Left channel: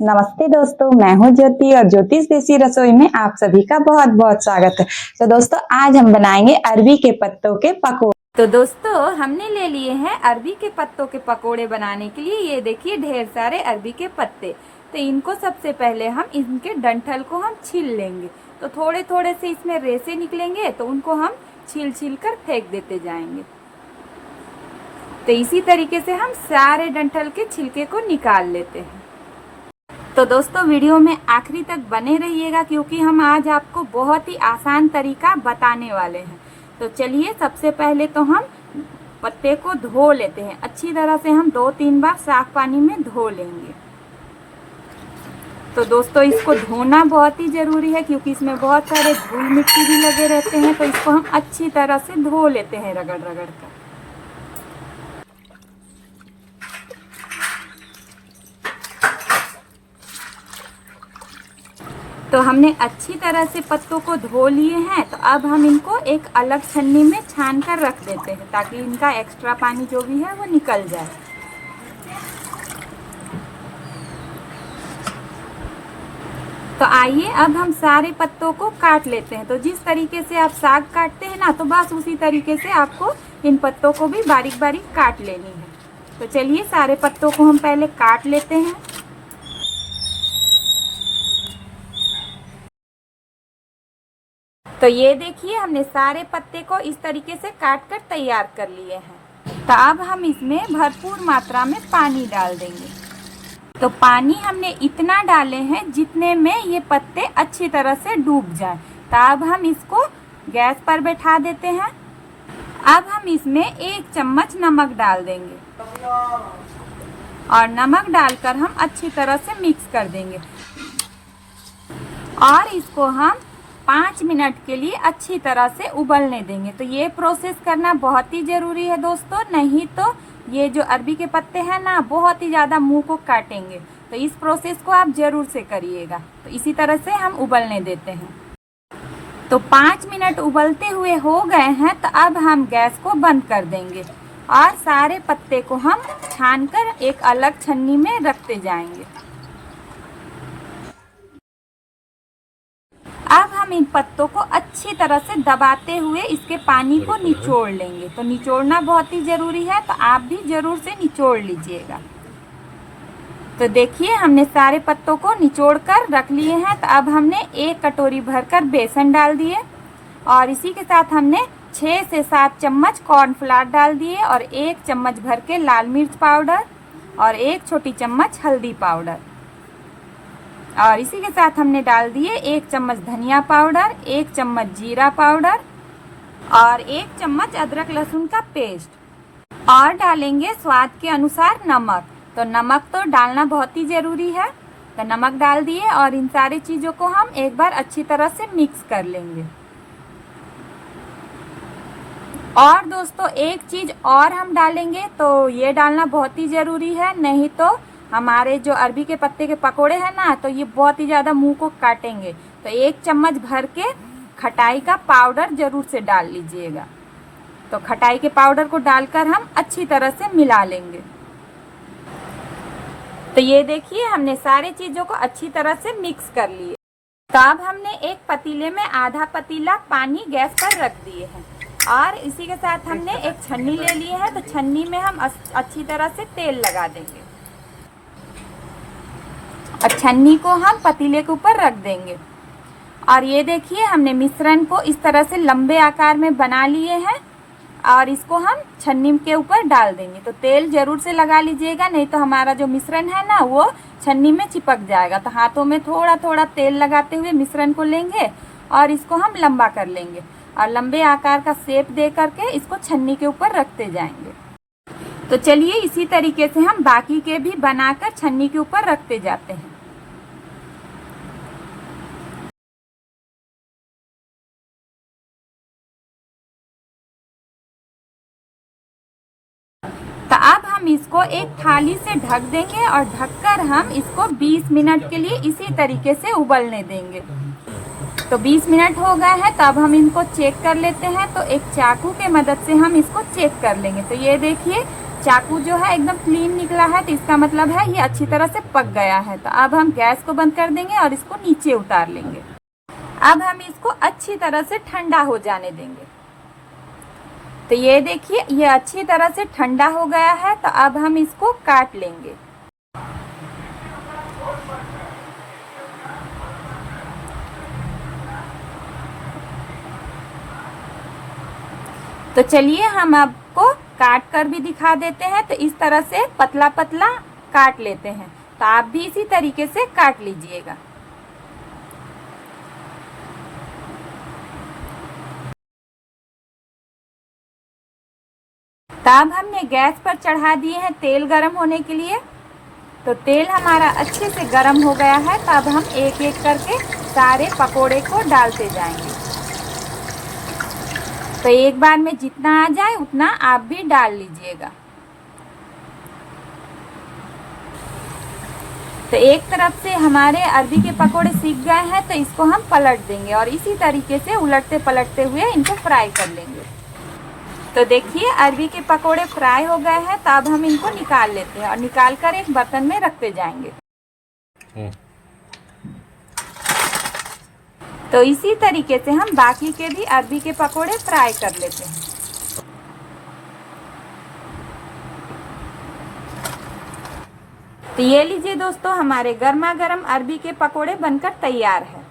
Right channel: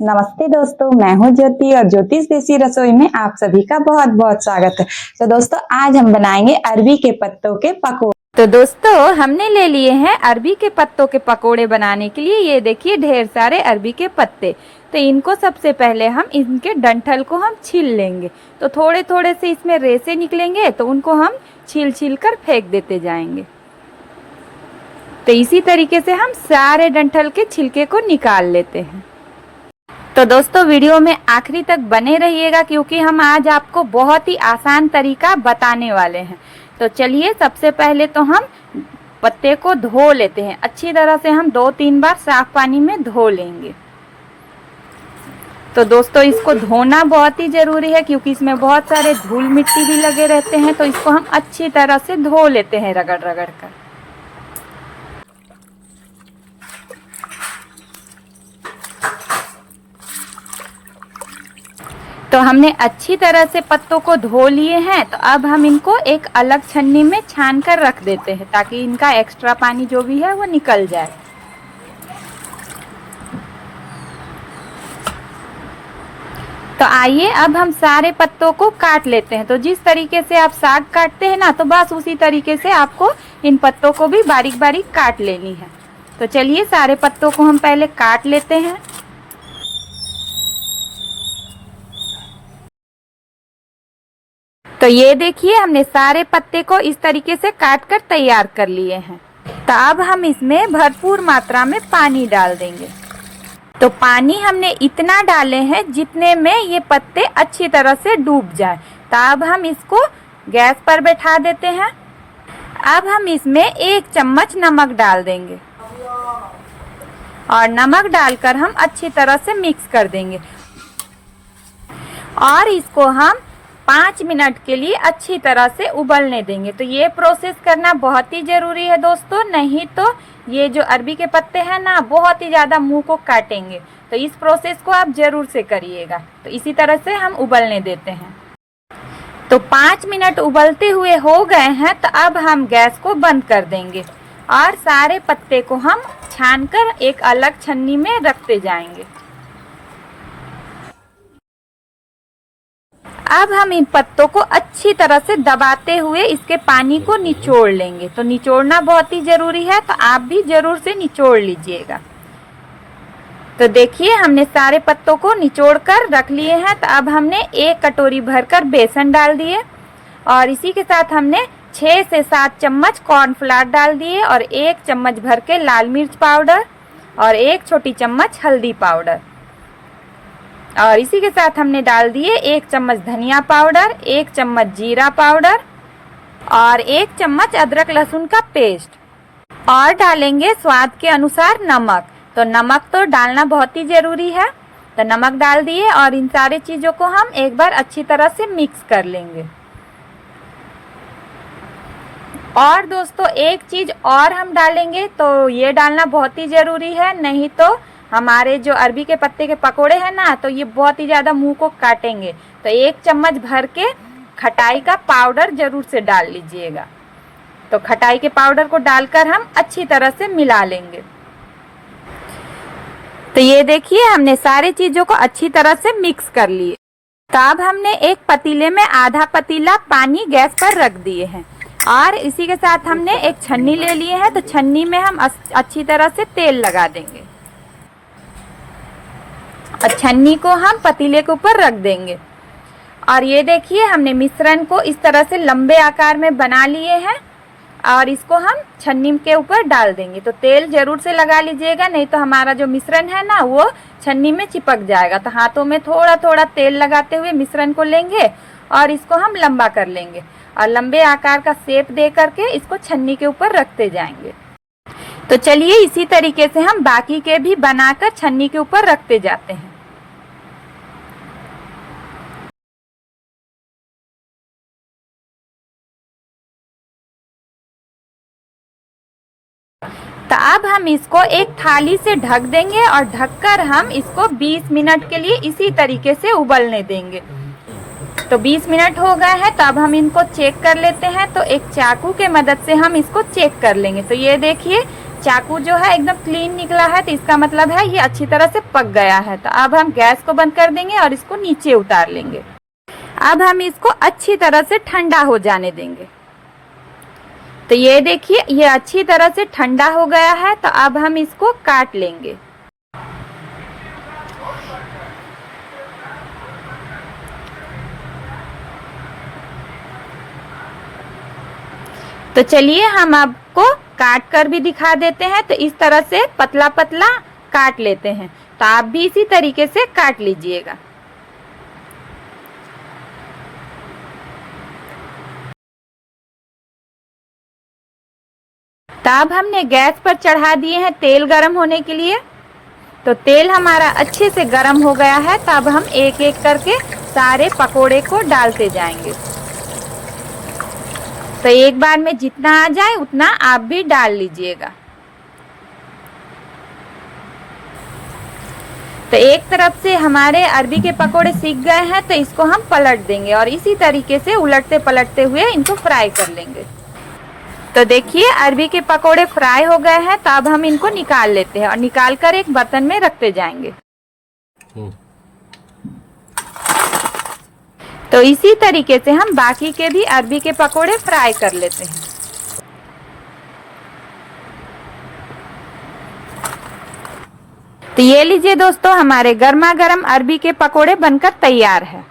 नमस्ते दोस्तों, मैं हूं ज्योति और ज्योतिष देसी रसोई में आप सभी का बहुत बहुत स्वागत है। तो दोस्तों आज हम बनाएंगे अरबी के पत्तों के पकौड़े। तो दोस्तों हमने ले लिए हैं अरबी के पत्तों के पकोड़े बनाने के लिए। ये देखिए ढेर सारे अरबी के पत्ते। तो इनको सबसे पहले हम इनके डंठल को हम छील लेंगे। तो थोड़े थोड़े से इसमें रेसे निकलेंगे तो उनको हम छील छील कर फेंक देते जाएंगे। तो इसी तरीके से हम सारे डंठल के छिलके को निकाल लेते हैं। तो दोस्तों वीडियो में आखिरी तक बने रहिएगा क्योंकि हम आज आपको बहुत ही आसान तरीका बताने वाले हैं। तो चलिए सबसे पहले तो हम पत्ते को धो लेते हैं। अच्छी तरह से हम 2-3 बार साफ पानी में धो लेंगे। तो दोस्तों इसको धोना बहुत ही ज़रूरी है क्योंकि इसमें बहुत सारे धूल मिट्टी भी लगे रहते हैं। तो इसको हम अच्छी तरह से धो लेते हैं रगड़ रगड़ कर। तो हमने अच्छी तरह से पत्तों को धो लिए हैं। तो अब हम इनको एक अलग छन्नी में छान कर रख देते हैं ताकि इनका एक्स्ट्रा पानी जो भी है वो निकल जाए। तो आइए अब हम सारे पत्तों को काट लेते हैं। तो जिस तरीके से आप साग काटते हैं ना, तो बस उसी तरीके से आपको इन पत्तों को भी बारीक बारीक काट लेनी है। तो चलिए सारे पत्तों को हम पहले काट लेते हैं। तो ये देखिए हमने सारे पत्ते को इस तरीके से काट कर तैयार कर लिए हैं। तो अब हम इसमें भरपूर मात्रा में पानी डाल देंगे। तो पानी हमने इतना डाले हैं जितने में ये पत्ते अच्छी तरह से डूब जाए। तो अब हम इसको गैस पर बैठा देते हैं। अब हम इसमें 1 चम्मच नमक डाल देंगे और नमक डालकर हम अच्छी तरह से मिक्स कर देंगे और इसको हम 5 मिनट के लिए अच्छी तरह से उबलने देंगे। तो ये प्रोसेस करना बहुत ही ज़रूरी है दोस्तों, नहीं तो ये जो अरबी के पत्ते हैं ना बहुत ही ज़्यादा मुंह को काटेंगे। तो इस प्रोसेस को आप ज़रूर से करिएगा। तो इसी तरह से हम उबलने देते हैं। तो 5 मिनट उबलते हुए हो गए हैं। तो अब हम गैस को बंद कर देंगे और सारे पत्ते को हम छानकर एक अलग छन्नी में रखते जाएंगे। अब हम इन पत्तों को अच्छी तरह से दबाते हुए इसके पानी को निचोड़ लेंगे। तो निचोड़ना बहुत ही ज़रूरी है, तो आप भी ज़रूर से निचोड़ लीजिएगा। तो देखिए हमने सारे पत्तों को निचोड़ कर रख लिए हैं। तो अब हमने 1 कटोरी भरकर बेसन डाल दिए और इसी के साथ हमने 6 से 7 चम्मच कॉर्नफ्लावर डाल दिए और 1 चम्मच भर के लाल मिर्च पाउडर और 1 छोटी चम्मच हल्दी पाउडर और इसी के साथ हमने डाल दिए 1 चम्मच धनिया पाउडर, 1 चम्मच जीरा पाउडर और 1 चम्मच अदरक लहसुन का पेस्ट और डालेंगे स्वाद के अनुसार नमक। तो नमक तो डालना बहुत ही ज़रूरी है। तो नमक डाल दिए और इन सारी चीज़ों को हम एक बार अच्छी तरह से मिक्स कर लेंगे। और दोस्तों एक चीज़ और हम डालेंगे, तो ये डालना बहुत ही ज़रूरी है, नहीं तो हमारे जो अरबी के पत्ते के पकोड़े हैं ना, तो ये बहुत ही ज़्यादा मुंह को काटेंगे। तो 1 चम्मच भर के खटाई का पाउडर ज़रूर से डाल लीजिएगा। तो खटाई के पाउडर को डालकर हम अच्छी तरह से मिला लेंगे। तो ये देखिए हमने सारी चीज़ों को अच्छी तरह से मिक्स कर लिए। तो अब हमने एक पतीले में आधा पतीला पानी गैस पर रख दिए हैं और इसी के साथ हमने एक छन्नी ले लिए है। तो छन्नी में हम अच्छी तरह से तेल लगा देंगे और छन्नी को हम पतीले के ऊपर रख देंगे। और ये देखिए हमने मिश्रण को इस तरह से लंबे आकार में बना लिए हैं और इसको हम छन्नी के ऊपर डाल देंगे। तो तेल ज़रूर से लगा लीजिएगा, नहीं तो हमारा जो मिश्रण है ना वो छन्नी में चिपक जाएगा। तो हाथों में थोड़ा थोड़ा तेल लगाते हुए मिश्रण को लेंगे और इसको हम लंबा कर लेंगे और लंबे आकार का शेप दे करके इसको छन्नी के ऊपर रखते जाएंगे। तो चलिए इसी तरीके से हम बाकी के भी बनाकर छन्नी के ऊपर रखते जाते हैं। तो अब हम इसको एक थाली से ढक देंगे और ढककर हम इसको 20 मिनट के लिए इसी तरीके से उबलने देंगे। तो 20 मिनट हो गए हैं। तो अब हम इनको चेक कर लेते हैं। तो एक चाकू के मदद से हम इसको चेक कर लेंगे। तो ये देखिए चाकू जो है एकदम क्लीन निकला है, तो इसका मतलब है ये अच्छी तरह से पक गया है। तो अब हम गैस को बंद कर देंगे और इसको नीचे उतार लेंगे। अब हम इसको अच्छी तरह से ठंडा हो जाने देंगे। तो ये देखिए ये अच्छी तरह से ठंडा हो गया है। तो अब हम इसको काट लेंगे। तो चलिए हम आपको काट कर भी दिखा देते हैं। तो इस तरह से पतला पतला काट लेते हैं। तो आप भी इसी तरीके से काट लीजिएगा। तो अब हमने गैस पर चढ़ा दिए हैं तेल गरम होने के लिए। तो तेल हमारा अच्छे से गरम हो गया है। तो अब हम एक एक करके सारे पकोड़े को डालते जाएंगे। तो एक बार में जितना आ जाए उतना आप भी डाल लीजिएगा। तो एक तरफ से हमारे अरबी के पकोड़े सीख गए हैं। तो इसको हम पलट देंगे और इसी तरीके से उलटते पलटते हुए इनको फ्राई कर लेंगे। तो देखिए अरबी के पकोड़े फ्राई हो गए हैं। तो अब हम इनको निकाल लेते हैं और निकाल कर एक बर्तन में रखते जाएंगे। तो इसी तरीके से हम बाकी के भी अरबी के पकोड़े फ्राई कर लेते हैं। तो ये लीजिए दोस्तों, हमारे गर्मा गर्म अरबी के पकोड़े बनकर तैयार है।